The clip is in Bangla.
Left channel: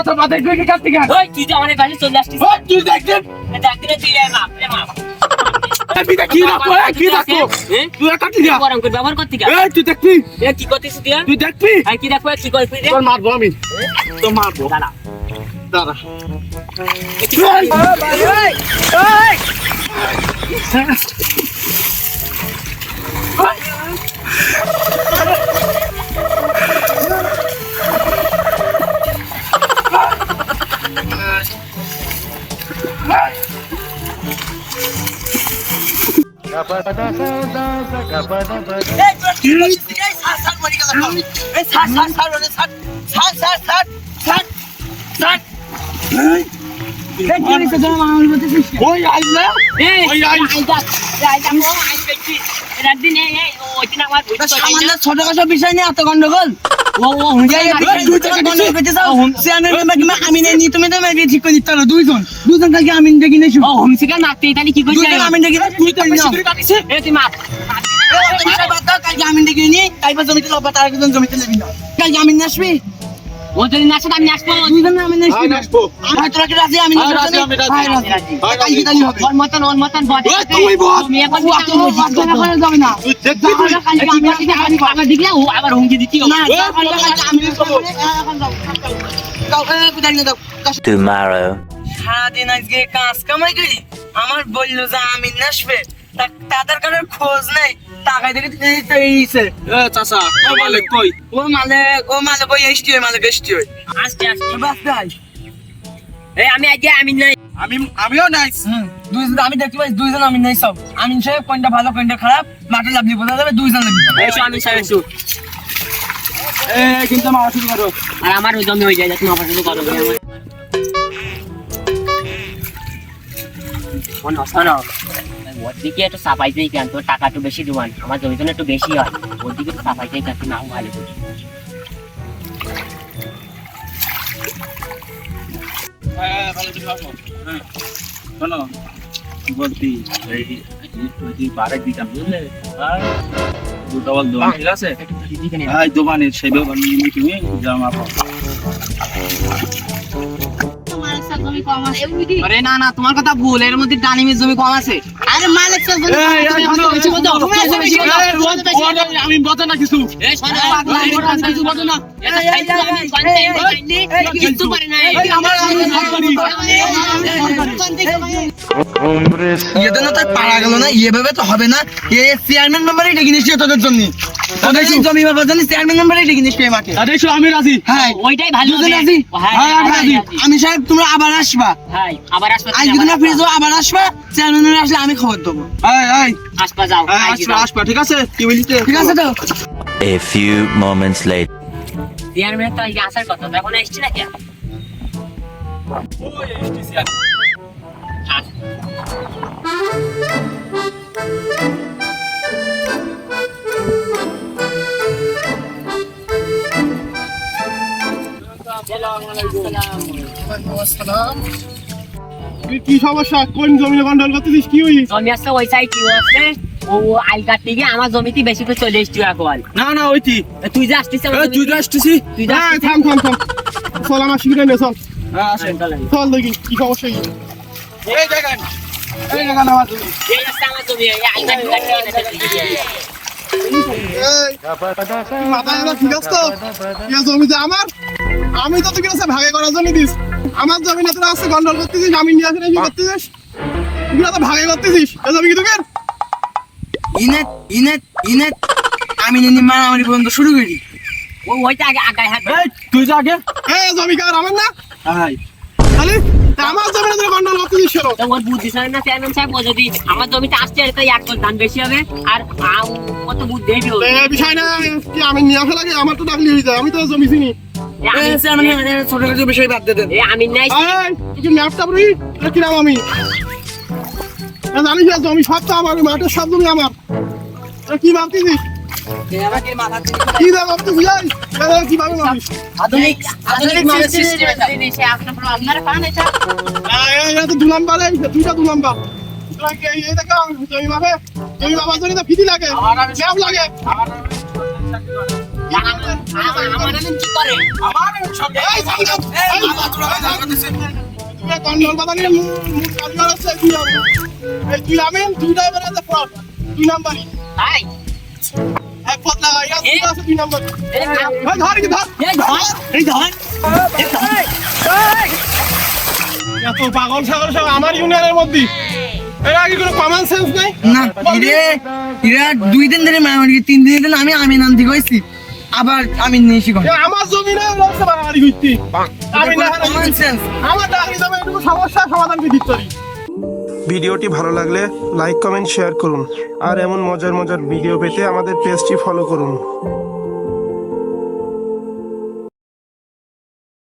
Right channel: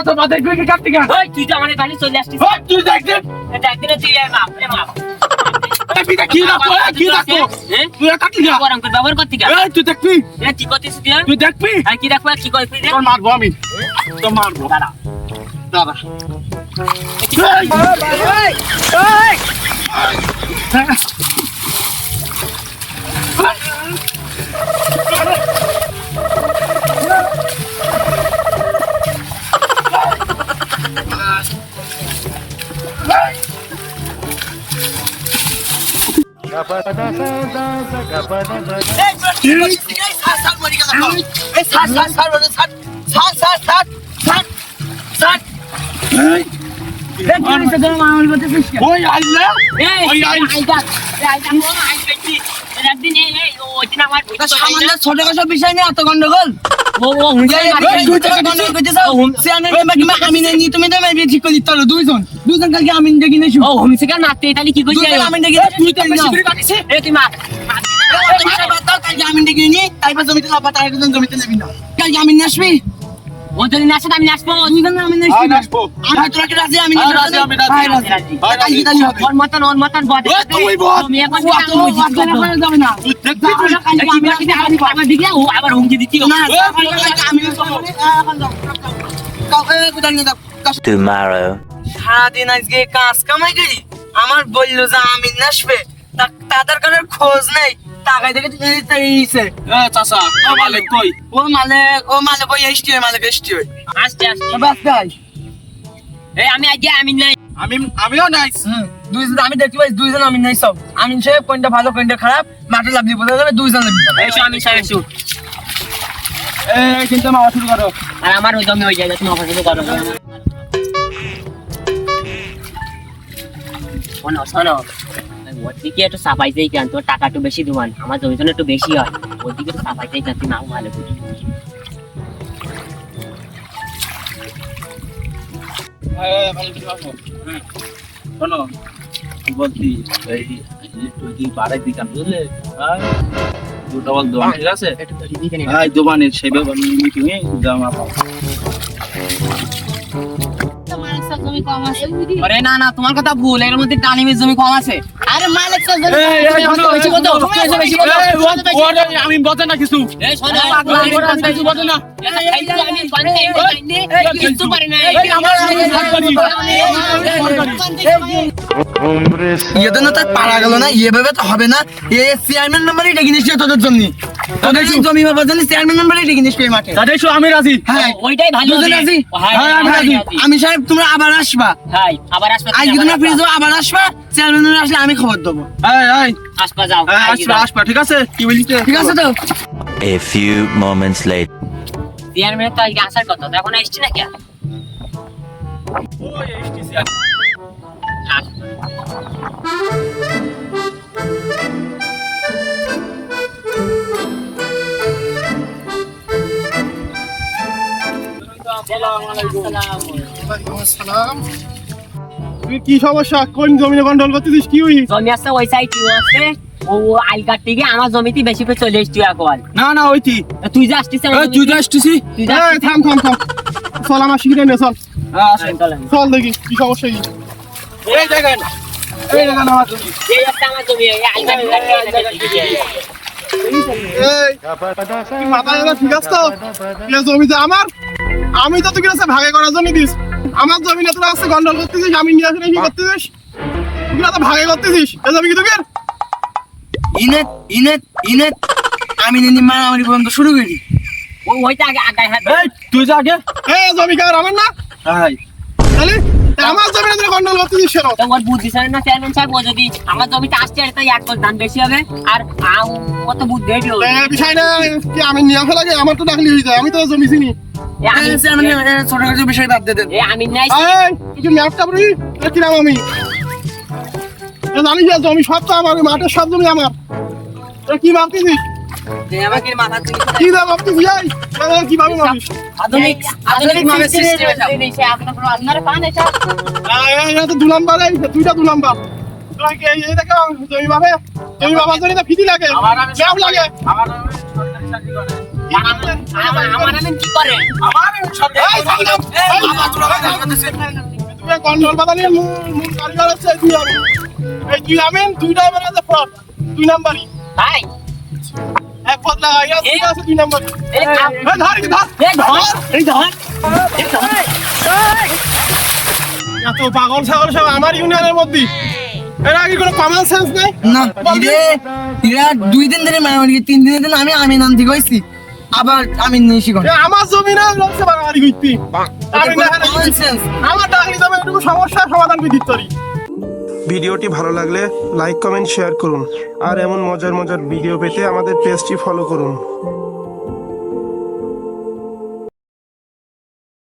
তো মাথায় তুই কি কাটতে গেল ওই তুই যে আমাদের বাড়ি চলে আসছিস ওই তুই দেখছিস একদিনে তুই এ মাপ এ মাপ তুই কি রাখব এ, কি হ্যাঁ? তুই কাটতে গেল গরম করে ব্যবহার করতে এই তুই দেখবি এ কি করতেছিস তুই? তুই দেখবি আর কি দেখো কি তুই? তোর মারবো আমি। তোর মারবো। ওই ওই এই এই ওই ছোটখাটো বিষয় নিয়ে এত গন্ডগোল জমিতে জমিতে নেবি না কালকে আমিন আসবি ও যদি না আসে আমি আসব আসব আমি তোরা কি রাজি আমিন রাজি, আমি রাজি। রাজি। রাজি। রাজি। কালকে তাহলে হবে ওর মতন ওর মতন বদ তুই বল। তুমি এখন ও, এত লোক বাদ যাবে না। তুই দেখবি তুই আমার দিকে ও আবার হুমকি দিচ্ছি না, কালকে আমিন যাব। এখন যাও, যাও, এ, কোথায় নিয়ে যাও? কাজ- সারাদিন আজকে কাজ কামাই করি আমার বলল যে আমিন আসবে তা- তাদের কোনো খোঁজ নেই টাকা দেখে এই তো এইছে। এ চাচা ও মালিক কই? ও মালিক ও মালিক ওই এসটি মালিক এসটি আসতে আসতে বাস গাই এই আমি আজকে আমি নাই। আমি আমিও নাইস দুইজন আমি দেখতে পাই দুইজন আমিন নাই সব। আমিন সাহেব কোনটা ভালো কোনটা খারাপ মাঠে লাভলি বোঝা যাবে দুইজন আমি সাহেব এসো। কিন্তু মা শুরু করো। আর আমার ওই জমি হয়ে যায় তুমি আমার কথা শোনো শোনো। ওর দিকে একটু সাফাইতেই কেন তোর টাকা একটু বেশি দিবান আমার জমি একটু বেশি হয়। ওর দিকে একটু কেন তুমি ভালো করি। হ্যাঁ হ্যাঁ শোনো বলছি এই যদি বাড়াই দিতাম বুঝলে? দুটো বল দোকান ঠিক আছে? হ্যাঁ তুমি আরে না না তোমার কথা ভুল এর মধ্যে ডালিমের জমি কম আছে। আমি বলতে না কিছু না আমার ইয়ে তো তার পারা গেল না ইয়ে ভাবে তো হবে না। এ চেয়ারম্যান নাম্বারই ডেকে নিচ্ছি তোদের জন্য। তোদের জমি ভাবার জন্য চেয়ারম্যান ডেকে মাঠে তাদের আমি রাজি। হ্যাঁ। ওইটাই ভালো দুজন রাজি? হ্যাঁ, হ্যাঁ, আমি রাজি। আমি সাহেব তোমরা আবার আসবা। আবার আসবে আজ তোমরা ফিরে যাও আবার আসবা। চেয়ারম্যান আসলে আমি খবর দেবো। এই এই। আসবা যাও আসবা আসবা ঠিক আছে? কি ঠিক আছে তো A few moments later. Chairman তো আসার কথা এখন আসছি না কেন? ওই এসটিসি কি সমস্যা? কোন জমিনে গন্ডল করতেছিস? কি হই? জমি আছে ওই সাইড কি আছে। ও কাটতে গিয়ে আমার জমিতে বেশি করে চলে এসছি এখন না না ওইটি তুই যে আসছিস তুই তো আসতেছি তুই যে আসছিস- থাম থাম থাম। চল আমার শিখে নে চল। হ্যাঁ চল দেখি কি সমস্যা কি? এই দেখেন এই দেখেন আমার জমি এই জমি, এই। আমি তো তোকে ভাগে করার জন্য দিস। আমার জমি না তোরা গন্ডল করতেছিস আমি নিয়ে আসলে কি করতেছিস? তুই তো ভাগে করতেছিস। এ জমি কি তোকে? ইনেট ইনেট ইনেট আমি নিনি মারামারি পর্যন্ত শুরু করি। ওইটা আগে এই তুই যা আগে। এ জমি কার আমার না? হাই তাহলে? আমার গন্ডল কেন তো ওর বুদ্ধি সরে না চেয়ারম্যান সাহেব ও যদি আমার জমিতে আসছে তো এক বছর বেশি হবে। আর আম- বুদ্ধি বিষয় না কি আমি নিয়ে আসা লাগে? আমার তো ডাকলি হয়ে যায় আমি তো জমি চিনি। আমি- ছোটখাটো বিষয় বাদ দিয়ে দেন আমি নাই। এই, এই যে ম্যাপটা বুড়ি কি নাম আমি? জানিস জমি সব তো আমার মাঠের সব জমি আমার। এ কি ভাবতেছিস কি দাম ভাবতেছিস? এই? এ, এ, কি ভাবে আধুনিক আধুনিক মানের সিস্টেম আপনারা পান এটা। এ, এ, তো দু নাম্বার এই, দুইটা দু নাম্বার। দুই নাম্বারই। এত পাগল ছাগল সব আমার ইউনিয়নের মধ্যে এর আগে কোনো কমন সেন্স নেই না ইরে ইরা দুই দিন ধরে মারামারি তিন দিন ধরে আমি আমি নাম থেকে হইছি আবার আমি নিশি এ আমার জমি না লোকসে বাঙালি হইতে আমি না আমার ডাকি যাবে এটুকু সমস্যার সমাধান কি দিতে পারি ভিডিওটি ভালো লাগলে লাইক, কমেন্ট, শেয়ার করুন। আর এমন মজার মজার ভিডিও পেতে আমাদের পেজটি ফলো করুন।